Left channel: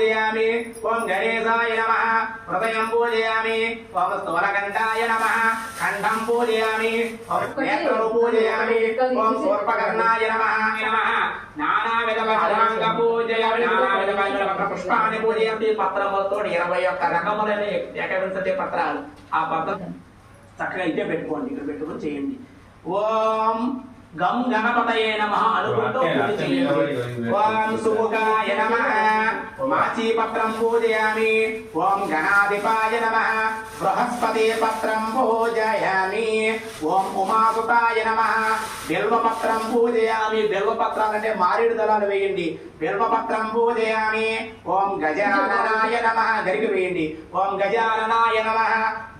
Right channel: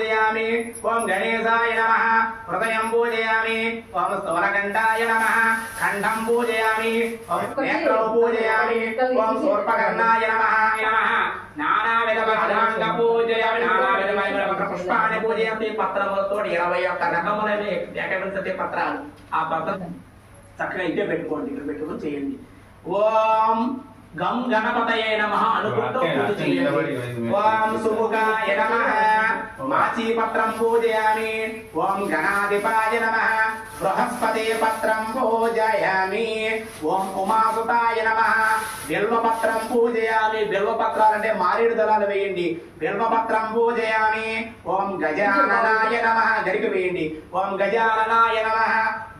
पूजयामि ओम गणेशाय नमः हृदयं पूजयामि ओम स्तवरकण्ठाय नमः कंठं पूजयामि ओम नेत्रं पूजयामि ओम शूर्पकर्णाय नमः नानाविध पत्रांग पूजयामि नानाविध पुष्पाणि पूजयामि పత్రములతోటి 21 రకములైన ఏకవింశతి పత్రాలు ఆ పత్రం చక్కగా ఇదే పెట్టుకోండి ఇక్కడ పెట్టుకొని చేయండి ఓం गम गणपतये नमः अनुకుంటూ పూజ చేయండి ఓం సుముఖాయ నమః మాచి పత్రం పూజయామి ఓం గణాధిపాయ నమః బృహస్పతి పత్రం పూజయామి ఓం ఉమాసుతాయ నమః బిల్వ పత్రం పూజయామి బిల్వ పత్రాలు అంటే మారేడు దళాలు వేయండి బిల్వ పత్రం పూజయామి ఓం గజాననాయ నమః గరిక వేయండి ఓం గజాననాయ నమః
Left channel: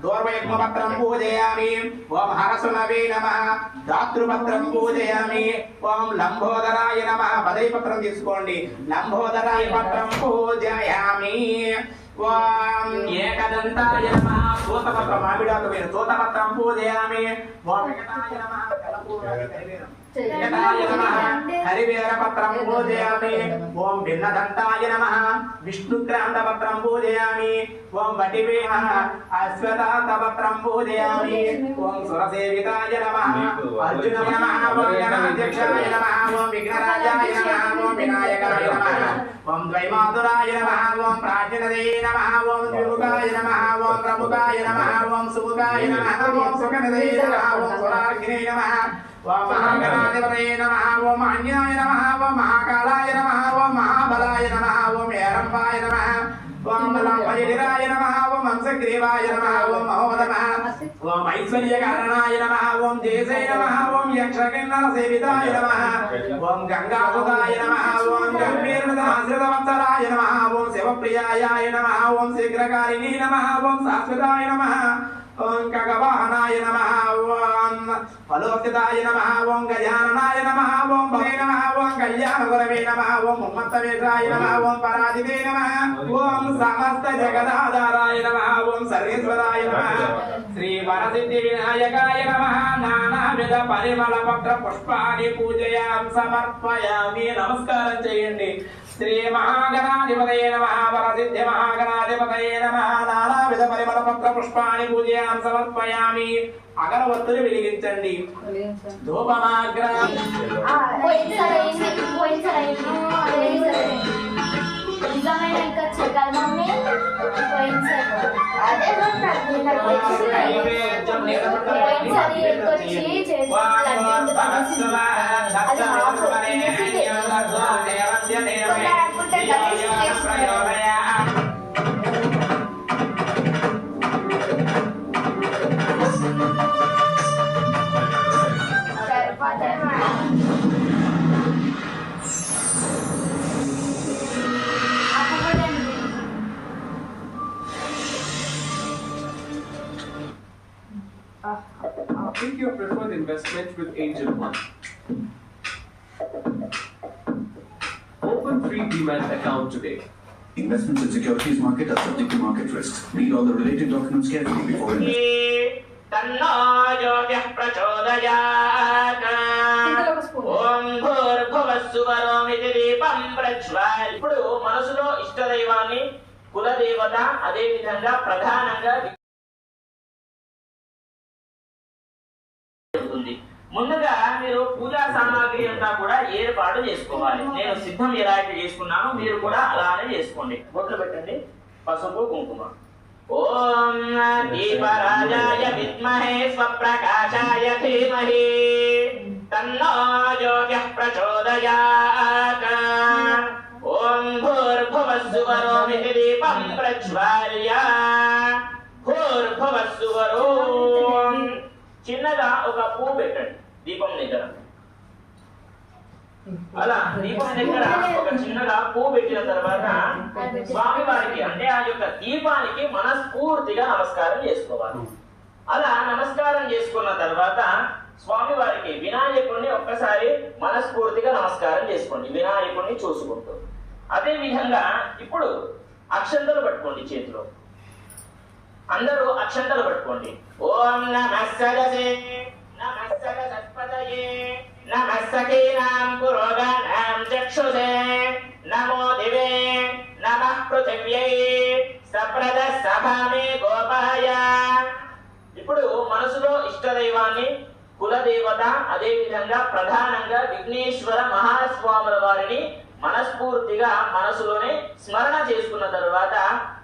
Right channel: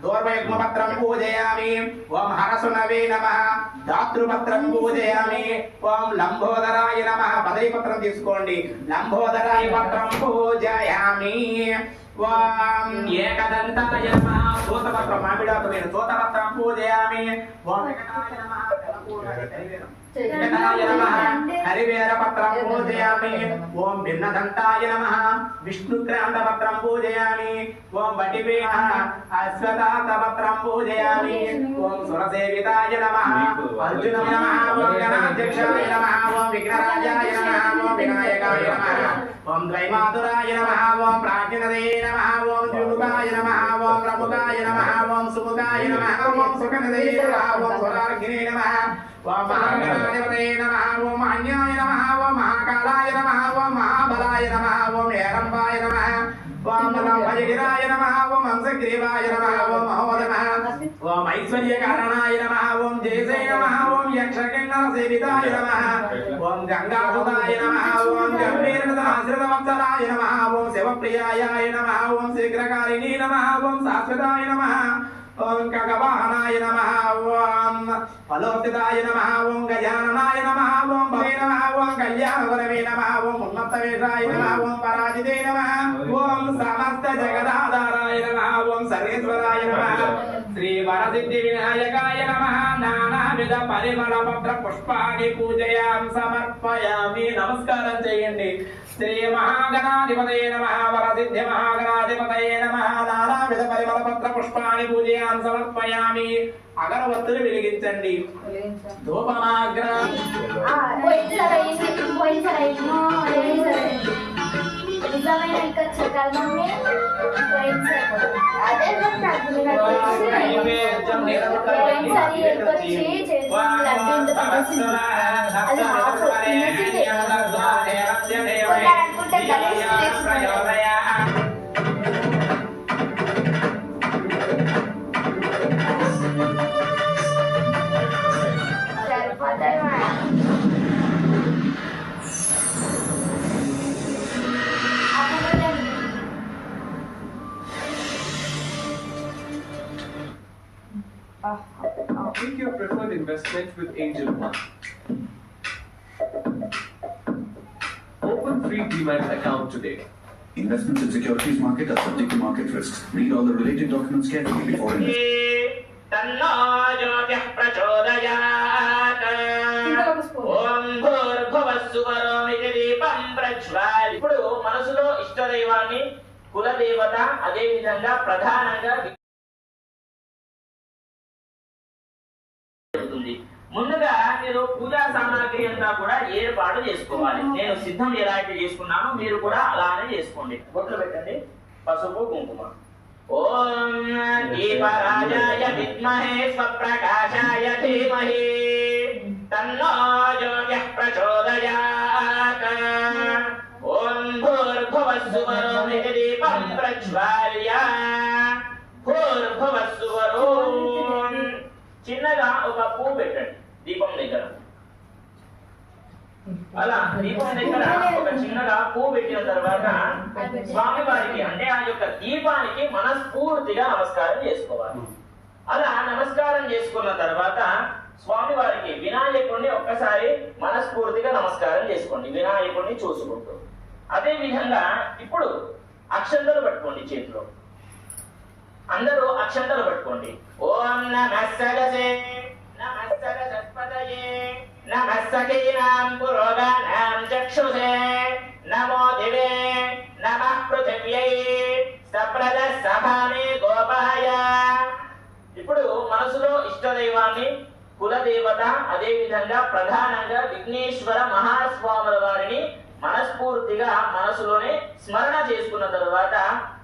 దూర్వయుగ్మ పత్రం పూజయామి ఓం హరసునవే నమః దాతృపత్రం పూజయామి ఓం లంబోదరాయ నమః బదై పత్రం తీసుకోండి లంబోదరాయ పత్రం పూజయామి ఓం ఏకదంతాయ నమః సూతపత్రం మామిడాకు నేను సూతపత్రం పూజయామి ఓం ఏకదాయ నమః ఏకదాయ నమః హరివేర పత్రం పూజయామి ఓం భిన్నదంతాయ నమః విష్ణుక్రాంత పత్రం పూజయామి ఓం వటివే నమః అశ్వతాత పత్రం పూజయామి ఓం సురసేవితాయ నమః అర్జునాయ నమః ఓం గణాధ్యక్షాయ నమః ఓం విఘ్నరాజాయ నమః ఓం వినాయకాయ నమః ఓం ద్వైమాతురాయ నమః ఓం ప్రాజ్ఞనదే నమః ఓం ద్విముఖాయ నమః ఓం ప్రముఖాయ నమః ఓం సుముఖాయ నమః ఓం సుఖనదే నమః ఓం సురార్ఘినే నమః ఓం మహాగణాధిపతయే నమః ఓం అన్యాయ నమః ఓం మహాకాళాయ నమః ఓం మహాబలాయ నమః ఓం ఏరంబాయ నమః ఓం లంబజగిరాయ నమః ఓం హంసగ్రీవాయ నమః ఓం మహో నమః ఓం ఐశ్వర్యకారణాయ నమః ఓం జయసే నమః ఓం యక్షకిన్నర సేవితాయ నమః ఓం గంగాసుతాయ నమః ఓం గంభీరనాశ్రితవత్సరాయ నమః ఓం శివప్రియాయ నమః ఓం శీఘ్రకారిణీ నమః ఓం శాశ్వతాయ నమః ఓం కగవాహనాయ నమః ఓం ఫలోత్తితాయ నమః ఓం గజాననాయ నమః ఓం భవే నమః ఓం కళ్యాణగురవే నమః ఓం ఉన్మత్తవేశాయ నమః ఓం పరాజితే నమః ఓం సమస్త జగదాధారాయ నమః ఓం సర్వేశ్వరాయ నమః శ్రీ వరసిద్ధి వినాయకాయ నమః నానావిధ పరిమళ పత్ర పుష్పాన్ని పూజయాం సమర్పయామి నమస్కారం చేయండి శ్రీ మహాగణాధిపతయే నమః వరసిద్ధి మహాగణాధిపతయే నమః నానావిధ పరిమళ పత్ర పుష్పాన్ని పూజయాం సమర్పయామి అగరవత్తులు వెలిగించండి ధూపమాగ్ర Complete your preferred investment with Angel One. Open free Demat account today. Investments in securities market are subject to market risks. Read all the related documents carefully before investing. तन्नो ज्योतिः प्रचोदयात् ఓం భూర్భువస్సువరోమితి దీపం ప్రజ్వాల్ ఇప్పుడు మనసులో ఇష్టదైవాన్ని కులదేవత అదే విధంగా ప్రధానంగా ముందుగా మీరు పూజా సామాగ్రి అంతా కూడా ఏర్పాటు చేసుకోవాలి నేను సిద్ధం ఎలాంటి చేసుకున్నానో మీరు కూడా అలానే చేసుకోండి బొట్లు పెట్టండి పసుపు కుంకుమ ఓం దీపరాజాయ విద్మహే స్వప్రకాశాయ ధీమహి తన్నో జ్యోతిః ప్రచోదయాత్ ఓం భూర్భువస్సువరోమితి దీపం ప్రజ్వాల్య భూర్భువస్సువరోం చిన్నగా ఒక పువ్వు పెట్టండి దీపం దగ్గర అలా దీపం దగ్గర ఒక చిన్నగా పువ్వు పెట్టిన తర్వాత స్వామి వారికి అంటే ఆ యొక్క దీపానికి మనస్ఫూర్తిగా నమస్కారం చేసుకోవాలి అలా నమస్కారం చేసుకున్న తర్వాత స్వామి వారికి వినాయకుడిని ఒక్కసారి మనస్ఫూర్తిగా నమస్కారం చేసుకోండి వినాయకుడిని చూసుకుంటూ అదే విధంగా ఇప్పుడు అక్షంతలు పట్టుకోండి చేతిలో అందరూ అక్షంతలు పట్టుకోండి ఓం నమః సరసే నమః సరస్వతయే నమః సఖీనాం పురోగానాం చక్షుషే నమో దివే నమః పృథివ్యై సప్రద సభామే గోపాయ. ఇప్పుడు మనసులో ఇష్టదైవాన్ని, కులదేవత, అదే విధంగా ప్రధానంగా విఘ్నేశ్వర మహాస్వాముల వారిని మనస్ఫూర్తిగా మనసులోనే స్మరణ చేసుకున్న తర్వాత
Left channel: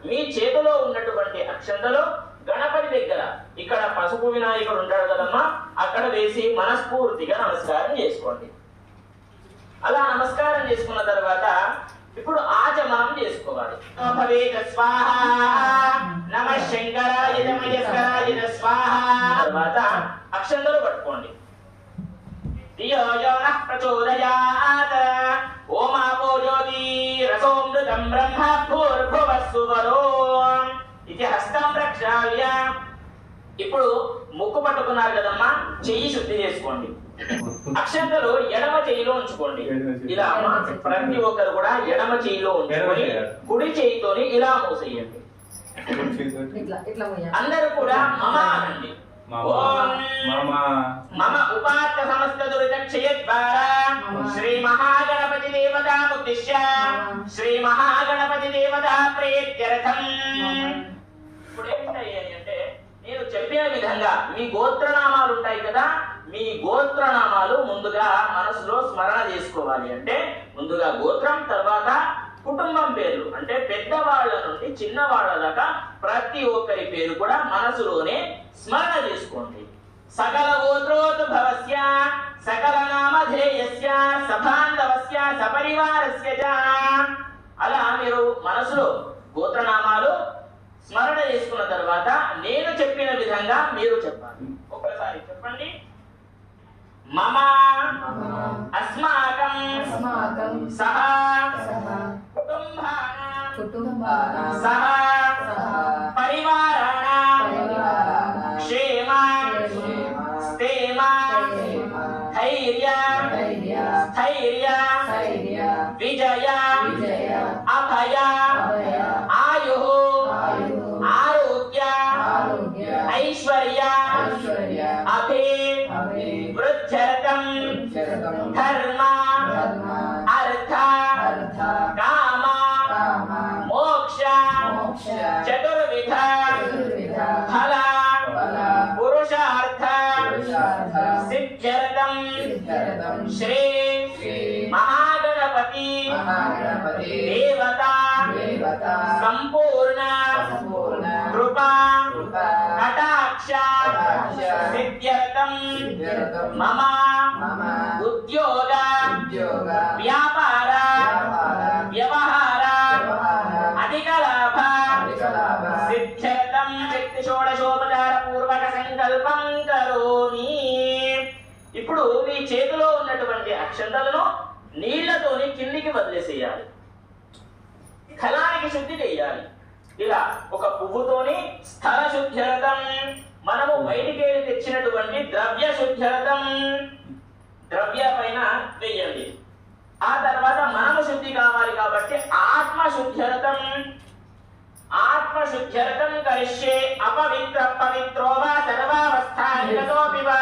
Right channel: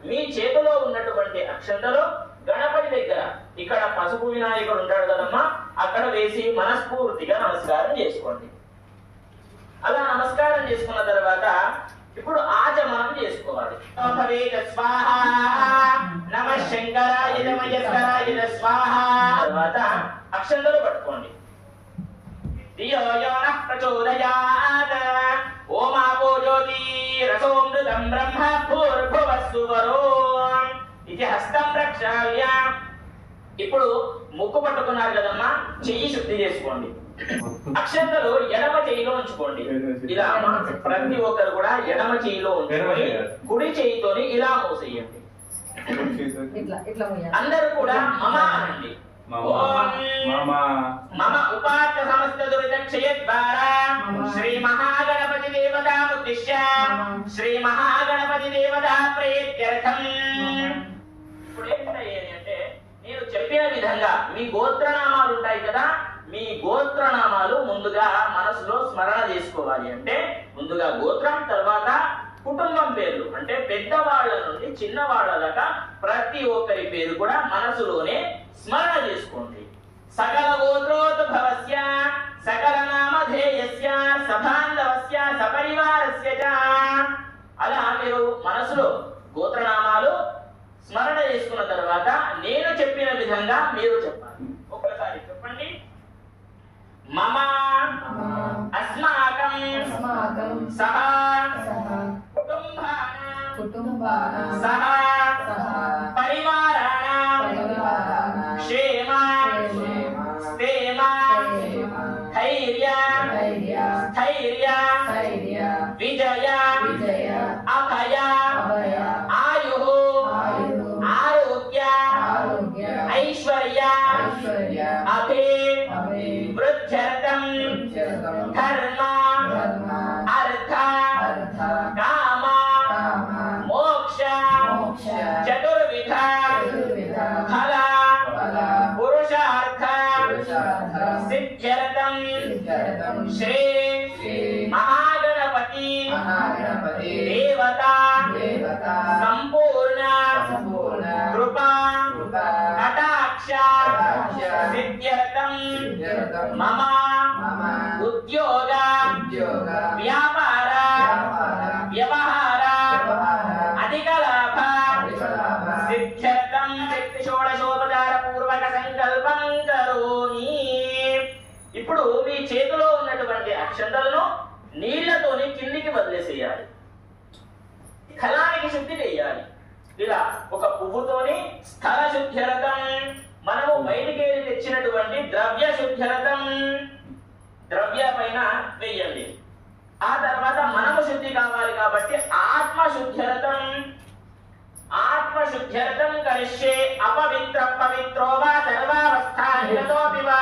మీ చేతిలో ఉన్నటువంటి అక్షంతలు గణపతి దగ్గర, ఇక్కడ పసుపు వినాయకుడు ఉంటాడు కదమ్మా, అక్కడ వేసి మనస్ఫూర్తిగా నమస్కారం చేసుకోండి. అలా నమస్కారం చేసుకున్న తర్వాత ఇప్పుడు ఆచమనం చేసుకోవాలి. నమ శంకరాయ నమస్కారాయ స్వాహ. తర్వాత అక్షంతలు పట్టుకోండి. ధియో యో నః ప్రచోదయాత్ ఓమాపో జ్యోతి రసోమృతం బ్రహ్మ భూర్భువస్సువరో ఇది హస్తం ప్రక్షాళ్య. ఇప్పుడు ముక్కు పట్టుకున్నారు కదమ్మా, చెయ్యి శుద్ధి చేసుకోండి. అక్షంతలు ఎడమ చెయ్యిలో ఉంచుకోండి. ఇలా ప్రతి ఒక్కరు కూడా ఎడమ చెయ్యిలో ఉంచుకొని కుడి చెయ్యితోని ఇలా మూసేయండి. అందరూ కూడా మమ అనండి. మమ ఉపాత్త సమస్త దురితక్షయద్వారా శ్రీ మహాగణపతి దేవతాముద్దిశ్య శ్రీ మహాగణపతి దేవతా ప్రీత్యర్థం. ఇప్పుడు ఏంటంటే నేను చెప్పిన విధంగా మీ గోత్రనామాలు ఉంటాయి కదా, మీ గోత్రనామాలు ముందుగా మనసులో స్మరణ చేసుకోవాలి. అంటే ముందుగా గోత్రం, తర్వాత కుటుంబం పేర్లు, అంటే పెద్దవాళ్ళ నుండి చిన్నవాళ్ళ దాకా ప్రతి ఒక్కరి పేరు కూడా మనసులోనే స్మరణ చేసుకోండి. సకల గోత్రోద్భవస్య సకల నామధేయస్య సబాంధవస్య సపరివారస్య చ. అలా మీరు మనసులో గోత్రనామాలు స్మరణ చేసుకున్న తర్వాత నేను చెప్పిన విధంగా మీరు చెప్పాలి. ఒక్కసారి చెప్పండి. మమ అస్మాకం సహ కుటుంబానాం సహ పరివారాణాం క్షేమ స్థేమ ధైర్య స్థైర్య విజయ అభయ ఆయు ఆరోగ్య ఐశ్వర్య అభే వృద్ధ్యర్థం ధర్మ అర్థ కామ మోక్ష చతుర్విధ ఫల పురుషార్థ సిద్ధ్యర్థం శ్రీ మహాగణపతి దేవత సంపూర్ణ కృపా కటాక్ష సిద్ధ్యర్థం మమ ఉద్యోగ వ్యాపార వ్యవహార అధిక లాభ సిద్ధ్యర్థం శక్తి షోడశోపచార పూర్వక సంకల్పం కరోమి. ఇప్పుడు మీ చేతిలో ఉన్నటువంటి అక్షంతలను నీళ్లతోని కిందికి వదిలేసేయాలి. కళానికి శుద్ధి చేయాలి. ఇలా ఒక పువ్వుతోని స్థల శుద్ధ్యరథం, మనము బయటికేరి తెచ్చినటువంటి ద్రవ్య శుద్ధ్యరథం ద్రవ్య పైన వేయండి. ఆ తర్వాత మనము శుద్ధి కావాలి కాబట్టి ఆత్మ శుద్ధ్యరథం ఆత్మశుద్ధ్యర్థం కరిష్యే అపవిత్ర పవిత్రో వా సర్వావస్థానిరతోపి వా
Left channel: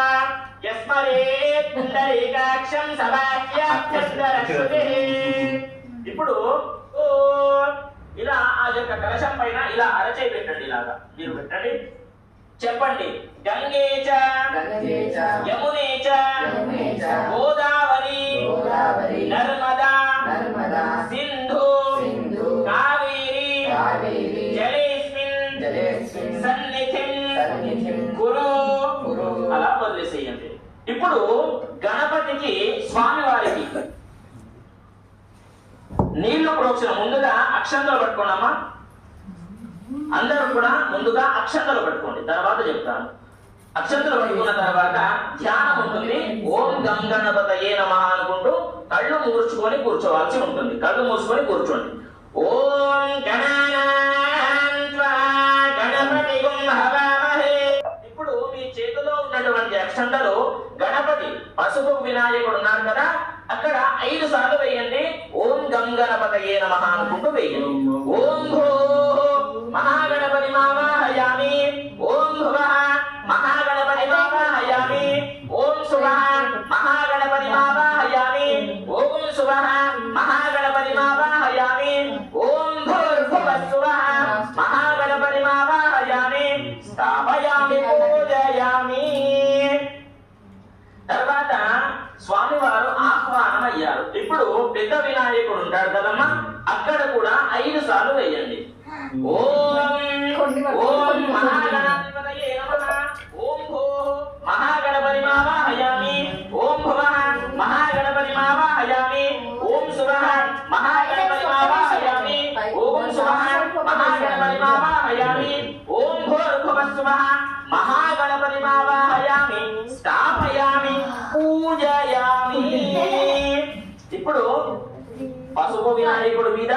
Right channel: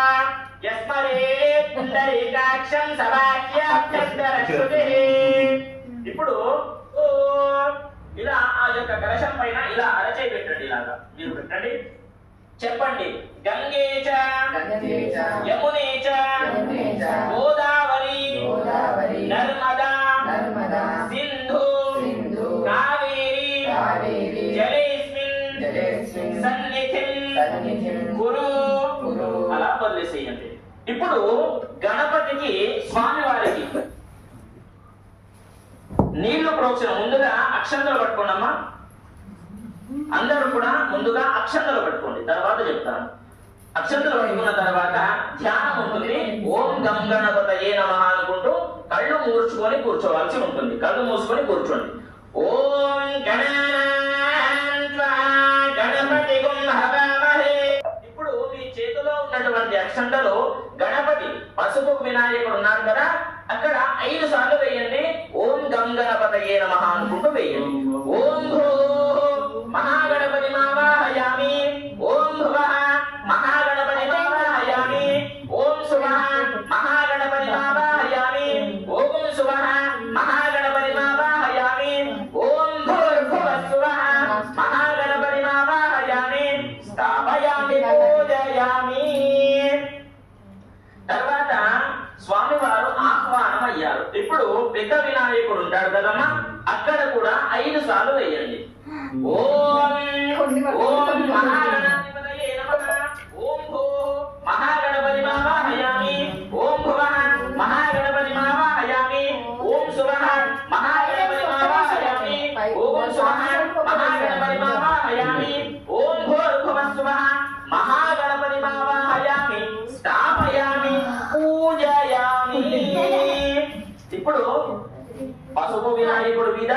యస్మరేత్ పుండరీకాక్షం సవాక్యాభ్యంతరశ్రుతిః. ఇప్పుడు ఇలా ఆ యొక్క కలశం పైన ఇలా అరచే పెట్టండి. ఇలాగా మీరు పెట్టండి. చెప్పండి. గంగే చ యమునే చ గోదావరి నర్మదా సింధు కావేరి జలేస్మిన్ సన్నిధిం కురు. అలా వదిలేసేయండి. ఇప్పుడు గణపతికి స్వామివారికి నీళ్లు ప్రోక్షణ ముందుగా అక్షంతలు పట్టుకోండమ్మా. అందరూ కూడా ముందుగా అక్షంతలు పట్టుకోండి, తర్వాత చెప్తాను. అక్షంతలు పట్టుకున్న తర్వాత ధ్యానం ఉంటుంది. ఓం గం గణపతయే నమః అనుకుంటూ కళ్ళు మూర్చుకొని కూర్చోవాల్సి ఉంటుంది. కళ్ళు మూసుకొని కూర్చోండి. ఓం గణపతి హవామహే. ఇప్పుడు మీ చేతిలో ఉన్నటువంటి అక్షంతలు గణపతి పసుపు వినాయకుడు ఉన్నారు కదా, అక్కడ 5 సార్లు వేయండి. ఓం గం గణపతయే నమః అనుకుంటూ వేయండి. ఓం భూ మహాగణపతి మావాహయామి. ఓం భువః మహాగణపతి మావాహయామి. ఓం శుభః మహాగణపతి మావాహయామి. ఓం శుభః మహాగణపతి మావాహయామి. ఓం భూర్భువః పెద్ద వినాయకుడు ఉంటాడు కదమ్మా, అక్కడ కూడా 5 సార్లు వేయండి. ఓం ఓం మహాగణాధిపతయే నమః. ఓం భూ మహాగణపతి మావాహయామి. ఓం భువః మహాగణపతి మావాహయామి. ఓం సువః మహాగణపతి మావాహయామి. ఓం సువః మహాగణపతి మావాహయామి. ఓం భూర్భువః సువః మహాగణపతి మావాహయామి. స్థాపయామి, పూజయామి. ఇప్పుడు పసుపు వినాయకుడి మీద,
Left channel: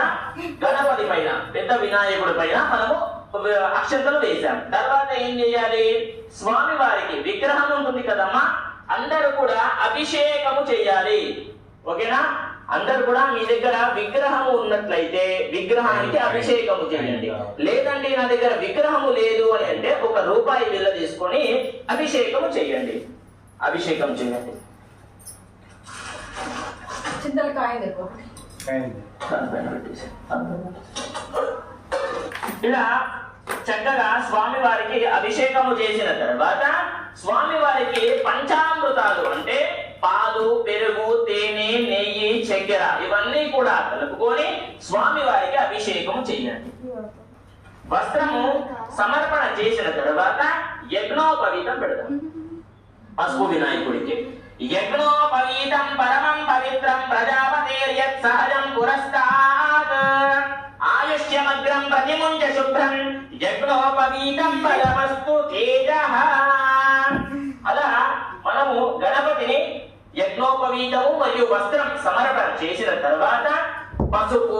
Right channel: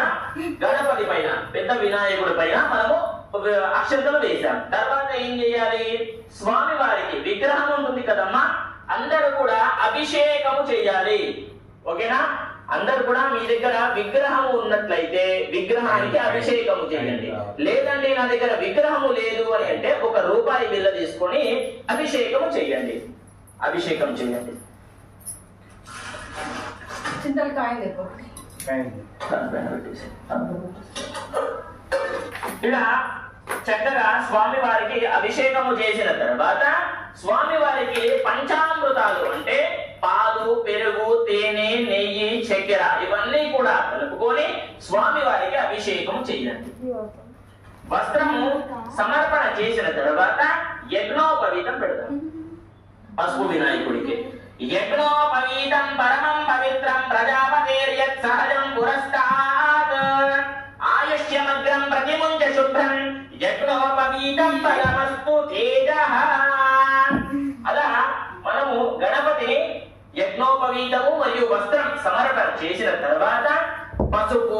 గణపతి పైన, పెద్ద వినాయకుడి పైన మనము అక్షంతలు వేశాం. తర్వాత ఏం చేయాలి? స్వామి వారికి విగ్రహం ఉంటుంది కదమ్మా, అందరూ కూడా అభిషేకము చేయాలి. ఓకేనా? అందరూ కూడా మీ దగ్గర విగ్రహము ఉన్నట్లయితే విగ్రహానికి అభిషేకము చేయండి. లేదండి నా దగ్గర విగ్రహము లేదు అని అంటే 1 రూపాయి బిళ్ళ తీసుకొని అభిషేకము చేయండి. అభిషేకం చేయండి. చింతలు కాయండి. ఇలా చక్కగా స్వామి వారికి అభిషేకము చేసిన తర్వాత స్వామి వారికి పంచామృతాలు అంటే పాలు, పెరుగు, తేనె, నెయ్యి, చక్కెర ఇవన్నీ కూడా కలుపుకొని స్వామి వారికి అభిషేకము చేయండి. వస్త్రము సమర్పణ చేసిన తర్వాత యజ్ఞోపవీతం పెడదాం. పసుపు వినాయకుడికి యజ్ఞోపవీతం పరమం పవిత్రం ప్రజాపతేర్యత్ సహజం పురస్తాత్ ఆయుష్యమగ్రం ప్రతిముంచ శుభ్రం యజ్ఞోపవీతం పరమస్తు తేజః. అలా మనము గణపతిని యజ్ఞోపవీతము మరియు వస్త్రం సమర్పణ చేసిన తర్వాత పసుపు,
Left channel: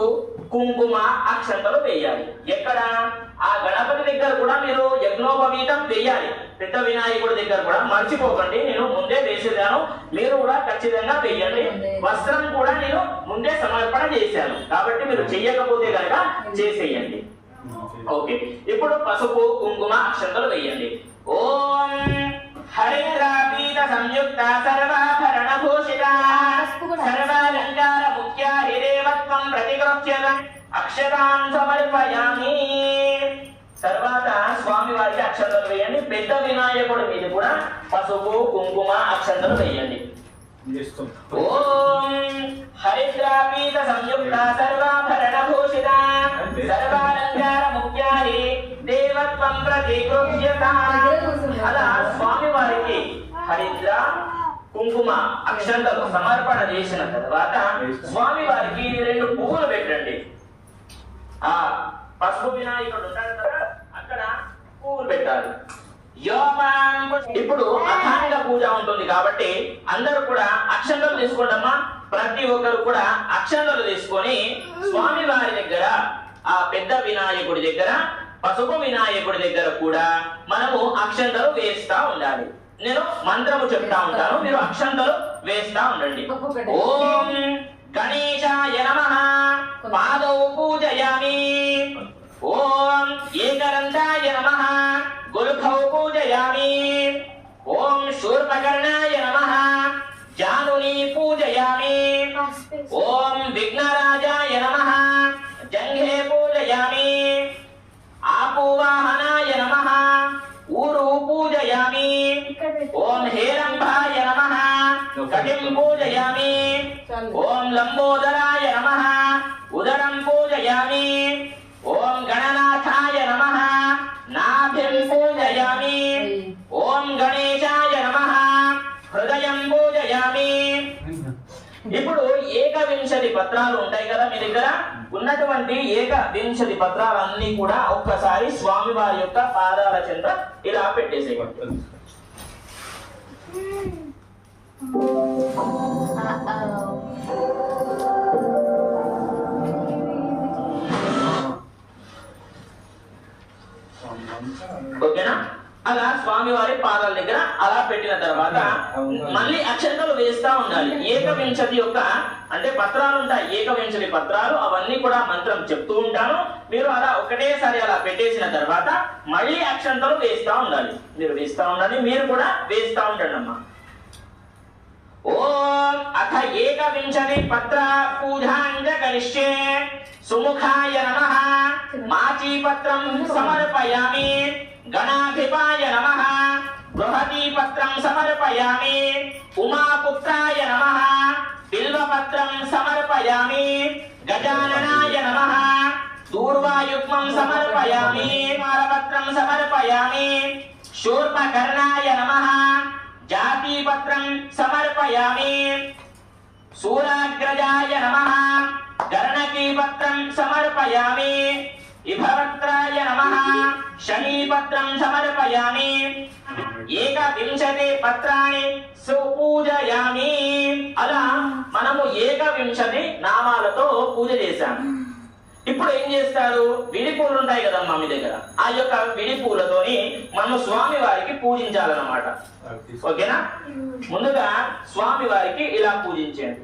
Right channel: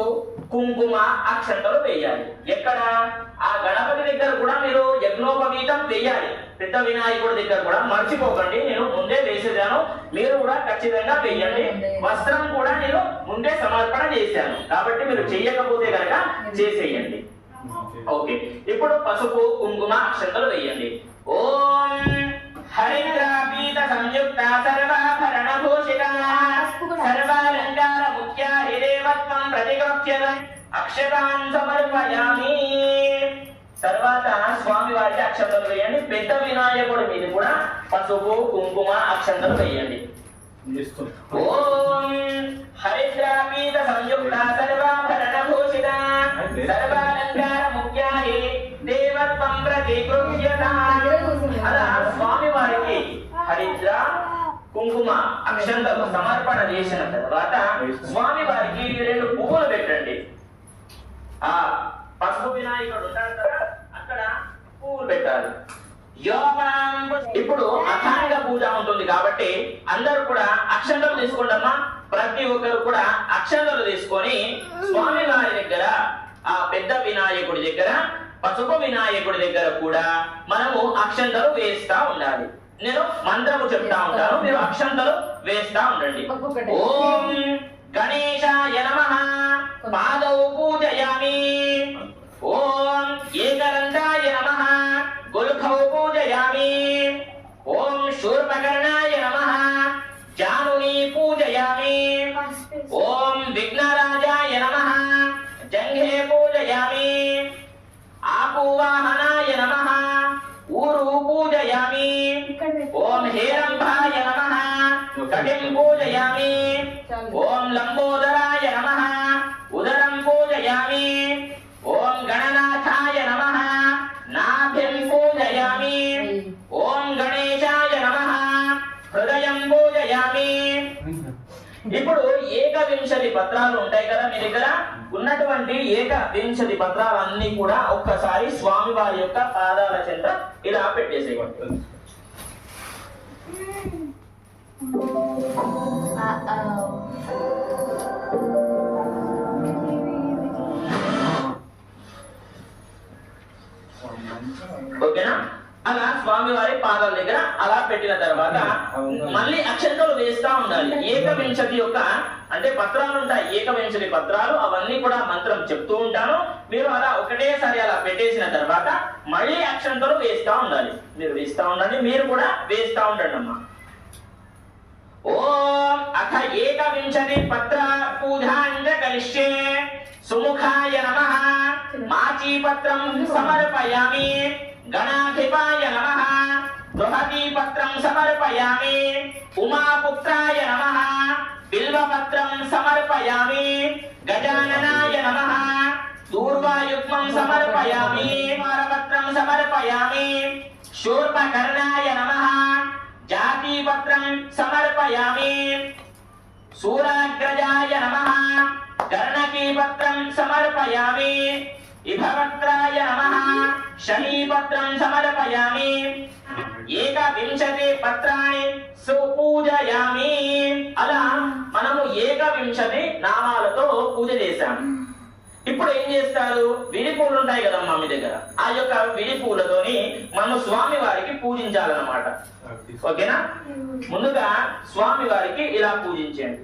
కుంకుమ, అక్షంతలు వేయాలి. ఎక్కడ? ఆ గణపతి దగ్గర కూడా మీరు యజ్ఞోపవీతం వేయాలి. పెద్ద వినాయకుడి దగ్గర కూడా మర్చిపోకండి, నేను ముందే వేసేదాను, మీరు కూడా ఖచ్చితంగా వేయండి. వస్త్రం కూడా నేను ముందే సమర్పణ చేశాను కాబట్టి మీరు చెయ్యకపోతే కనుక చేసేయండి. ఓకే, ఇప్పుడు పసుపు, కుంకుమ, అక్షంతలు వేయండి. ఓం హరిద్రాపీత సంయుక్త సర్వాభరణ భూషిత సర్వాలంకార ముఖ్య హిరేవత్వం ప్రతిగోప్యతం అక్షతాం సమర్పయామి. తర్వాత స్వామి వారికి అక్షంతలు వేయండి. పెద్ద వినాయకుడి మీద కూడా పసుపు, కుంకుమ, అక్షంతలు వేయండి. ఓం హరిద్రాపీత సంయుక్త సర్వాభరణ భూషిత సర్వాలంకార ముఖ్య దేవత్వం ప్రతిగోప్యతం. అలా స్వామి వారికి హరిద్ర, కుంకుమ, అక్షంతలు సమర్పణ చేసిన తర్వాత స్వామి వారికి 2 పువ్వులు పెట్టండి. ఆ పసుపు వినాయకుడు ఉంటాడు కదా, అక్కడ పువ్వులు పెట్టాలి. ఇప్పుడు అఖండ పూజ ఉంటుంది కాబట్టి అందరూ కూడా అక్షంతలు తీసుకుంటామా. ప్రతి ఒక్కరు కూడా అక్షంతలు తీసుకొని స్వామి వారి దగ్గర, ఆ పెద్ద వినాయకుడి దగ్గర, పసుపు వినాయకుడి దగ్గర కూడా మనము అక్షంతలు వేస్తా ఉండాలి. నేను మంత్రము చెప్తా ఉంటాను, మీరు అక్షంతలు వేస్తా ఉండండి. ఓం గణేశాయ నమః పాదౌ పూజయామి. ఓం ఏకదంతాయ నమః గుల్ఫౌ పూజయామి. ఓం శూర్పకర్ణాయ నమః జానుని పూజయామి. ఓం విఘ్నరాజాయ నమః జంఘే పూజయామి. ఆపూవాహనాయ నమః ఊరు పూజయామి. ఓం హేరంభాయ నమః కటిం పూజయామి. ఓం లంబోదరాయ నమః ఉదరం పూజయామి. ఓం గణనాథాయ నమః నాభిం పూజయామి. ఓం గణేశాయ నమః హృదయం పూజయామి. ఇప్పుడు 21 పత్రాలు ఉంటాయి కదా మీ దగ్గర, ఉన్నటువంటి 21 పత్రాలన్నీ కూడా ఒక్కసారి స్వామి వారి యొక్క పాదాల చెంత ఇలా పెట్టేసేయండి. ఓకేనా? అలా స్వామి వారి పాదాల దగ్గర అలా పెట్టిన తర్వాత మళ్ళీ అక్షంతలు వేస్తా ఉండాలి. 21 యొక్క అంటే పత్రాలు ఉంటాయి, 21 పత్రాలు, అవన్నీ కూడా మంత్రం చెప్తూ ఉంటాను. మీరు అలా ఒకటేసారి అలా పెట్టేసిన తర్వాత మళ్ళీ అక్షంతలు వేస్తా ఉండాలి. మీరు వేస్తా ఉండాలి, మీరు కూడా వేస్తా ఉండండి అమ్మా. ఓం అథ 21 పత్ర పూజాంజ కరిష్యే. సుముఖాయ నమః మాచీ పత్రం సమర్పయామి. గణాధిపాయ నమః బృహతీ పత్రం సమర్పయామి. ఉమాపుత్రాయ నమః బిల్వపత్రం సమర్పయామి గజాననాయ నమః దూర్వాయుగ్మం సమర్పయామి మారపత్రం సమర్పయామి శూర్పకర్ణాయ నమః జాతిపత్రం సమర్పయామి శూరాగ్రజాయ నమః గర్ణకీపత్రం సమర్పయామి ఇభవత్రాయ నమః శమీపత్రం సమర్పయామి ఏకవింశతి పత్రాన్ని సుపూజయామి. అలా మనము ఏకవింశతి నామాలతో పూజ చేశాం. ఇప్పుడు ఏం చేస్తారు, విడి పూలు ఉంటాయి కదమ్మా మీ దగ్గర, ఆ యొక్క విడి పూలతోని మనము స్వామి వారికి పూజించాలన్నమాట. ఓకేనా? ముందుగా స్వామి వారికి ఇలా పూజించండి.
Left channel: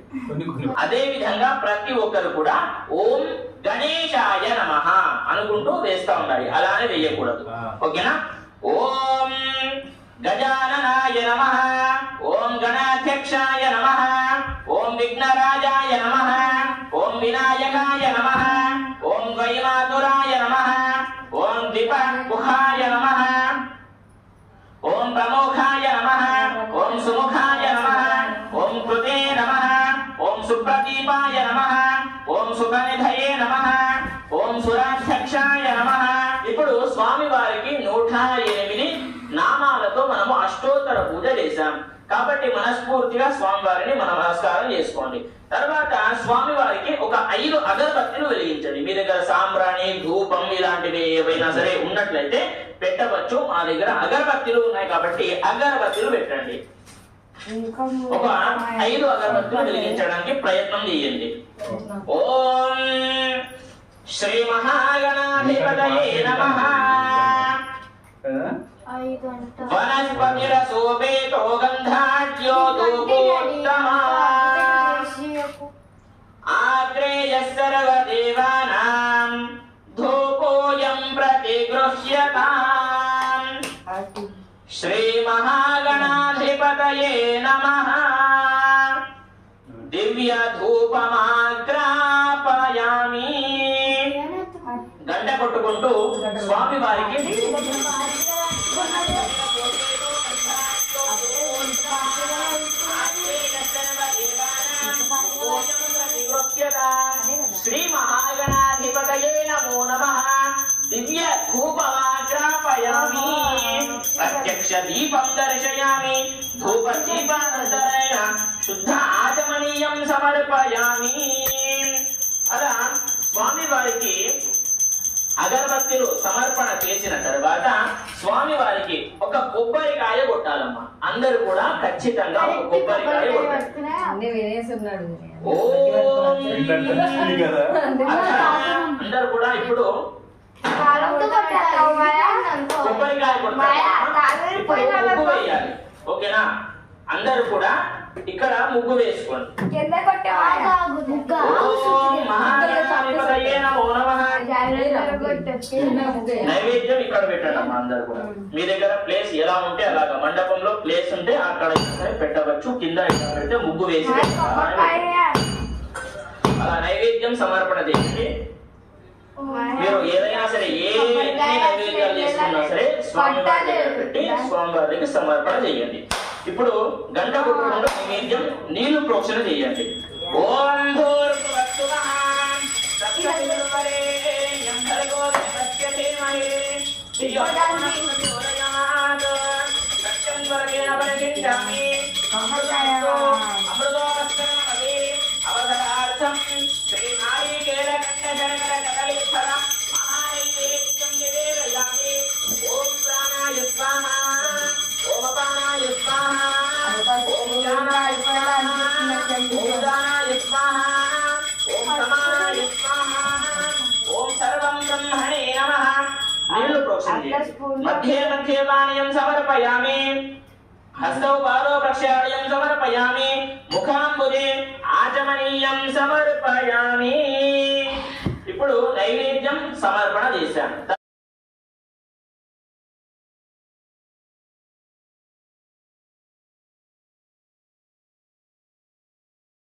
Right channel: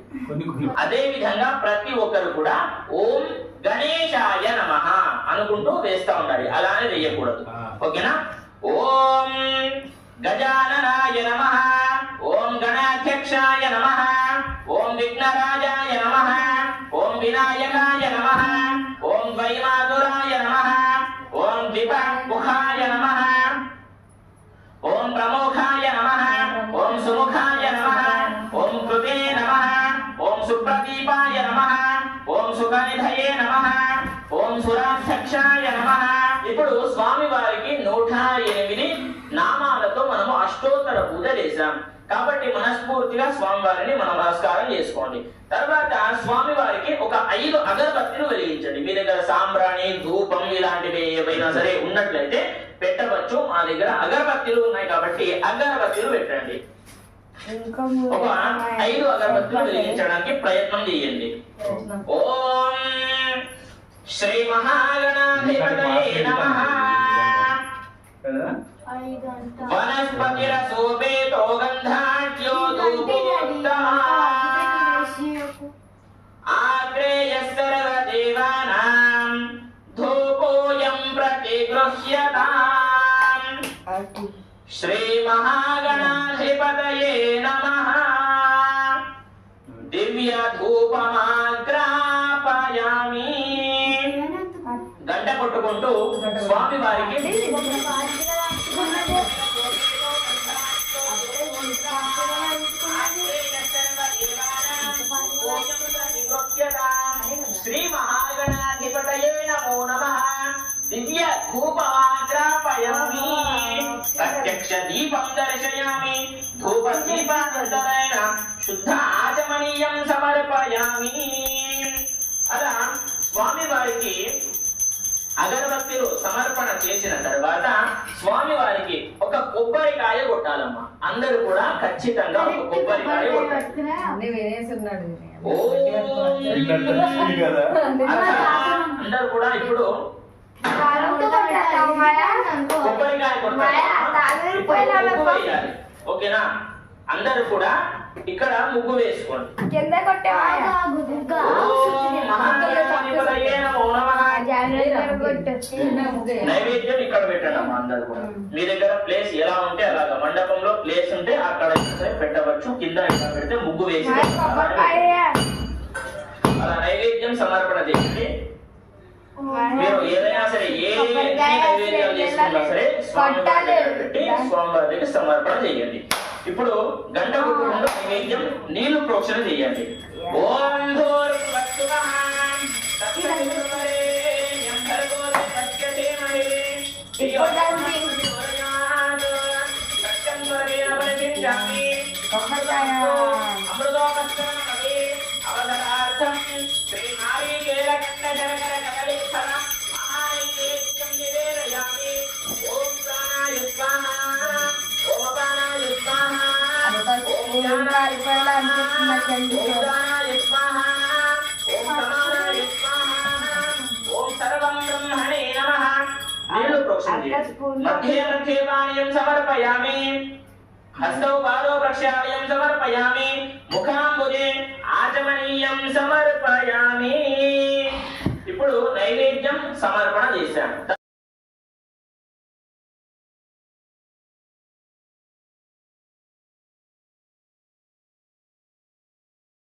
అదే విధంగా ప్రతి ఒక్కరు కూడా ఓం గణేశాయ నమః అనుకుంటూ వేస్తా ఉండాలి, అలానే వేయకూడదు. ఓకేనా? ఓం గజాననాయ నమః ఓం గణాధ్యక్షాయ నమః ఓం విఘ్నరాజాయ నమః ఓం వినాయకాయ నమః ఓం వైమాతురాయ నమః ఓం దీపముఖాయ నమః ఓం ప్రముఖాయ నమః ఓం సుముఖాయ నమః ఓం కృతే నమః ఓం సుప్రదీపాయ నమః ఓం సుగనిధయే నమః ఓం సురాధ్యక్షాయ నమః. ఇప్పుడు స్వామి వారికి 108 నామాలతో మనము అష్టోత్తర పూజ చేశాం. కాబట్టి మనస్ఫూర్తిగా స్వామి వారిని మనం నమస్కారం చేసుకోండి. తర్వాత స్వామి వారికి ఒక 5 అగరబత్తులు వెలిగించండి. మీ దగ్గర సాంబ్రాణి, ధూపం ఇలాంటివి ఏవైనా సరే ఉన్నట్లయితే పెట్టవచ్చు. మా దగ్గర అగరబత్తులు ఉన్నాయి కాబట్టి అగరబత్తులు పెట్టండి. ఒక 5 అగరబత్తులు వెలిగించడానికి ప్రయత్నం చేయండి. ఓం శ్రీ మహాగణాధిపతయే నమః. వనస్పతిరసోపేతో గంధాఢ్యో ధూపోత్తమః ఆగ్రేయః సర్వదేవానాం ధూపోయం ప్రతిగృహ్యతాం. శ్రీ మహాగణాధిపతయే నమః. దివ్య ధూపమాగ్రాపయామి. గంట కొట్టుకుంటూ స్వామి వారికి శ్రీ మహాగణాధిపతయే నమో నమః. దివ్య ధూపమాగ్రాపయామి. ప్రత్యక్ష దీపం దర్శయామి. ధూప దీపానంతరేణ శుద్ధ ఆచమనీయం సమర్పయామి. అలా స్వామి వారికి అగరబత్తులు సమర్పణ చేసిన తర్వాత స్వామి వారికి ఒక కొబ్బరికాయ కొట్టాలమ్మా. అందరూ కూడా ఖచ్చితంగా ఒక కొబ్బరికాయ కొట్టాలి. అందరూ కూడా ఇప్పుడు కొబ్బరికాయ కొట్టాలి. ముగ్గు వేయాలి. ఓకేనా? అందరూ కూడా ఇక్కడ ముగ్గు వేసుకోండి. నైవేద్యం ఇక్కడ పెట్టండి అమ్మా. అందరు కూడా మీ దగ్గర ప్లేస్ ఎలా ఉంటే అలాగా, మండపంలో ప్లేస్ ఉంటే అక్కడ పెట్టవచ్చు. కింద ఇక్కడ పెడితే ముగ్గు వేసి అలా నైవేద్యం సమర్పణ చేయండి. మీరు ఏదైనా సరే ఏ నైవేద్యాలు చేసుకున్నా సరే స్వామి పెట్టి స్వామి వారికి సమర్పణ చేయండి. ఇప్పుడు గంట కొట్టుకుంటూ నైవేద్యం నీళ్లు ప్రోక్షణ చేయండి. ఓం భూర్భువస్సువః తత్సవితుర్వరేణ్యం భర్గో దేవస్య ధియో యో నః ప్రచోదయాత్. సత్యం వర్గేణ పరిశిష్యామి. అమృతోపస్కరణమపి అవసరార్థం శ్రీ నారీకేల కంఠశనకర కదలీఫల మహానైవేద్యం నివేదయామి. ఓం ప్రాణాయ స్వాహా. ఓం అపానాయ స్వాహా. ఓం జ్ఞానాయ స్వాహా. ఓం దానాయ స్వాహా. ఓం సమానాయ స్వాహా. ఓం సర్వం బ్రహ్మణే నమః. నీళ్లు ప్రోక్షణ చేయండి. మధ్యే మధ్యే పానీయం సమర్పయామి. హస్తౌ పాదో ప్రక్షాళయం సమర్పయామి. ముఖాంబుజే ఆచమనీయం సమర్పయామి. ఇప్పుడు నైవేద్యం సమర్పణ చేశాను.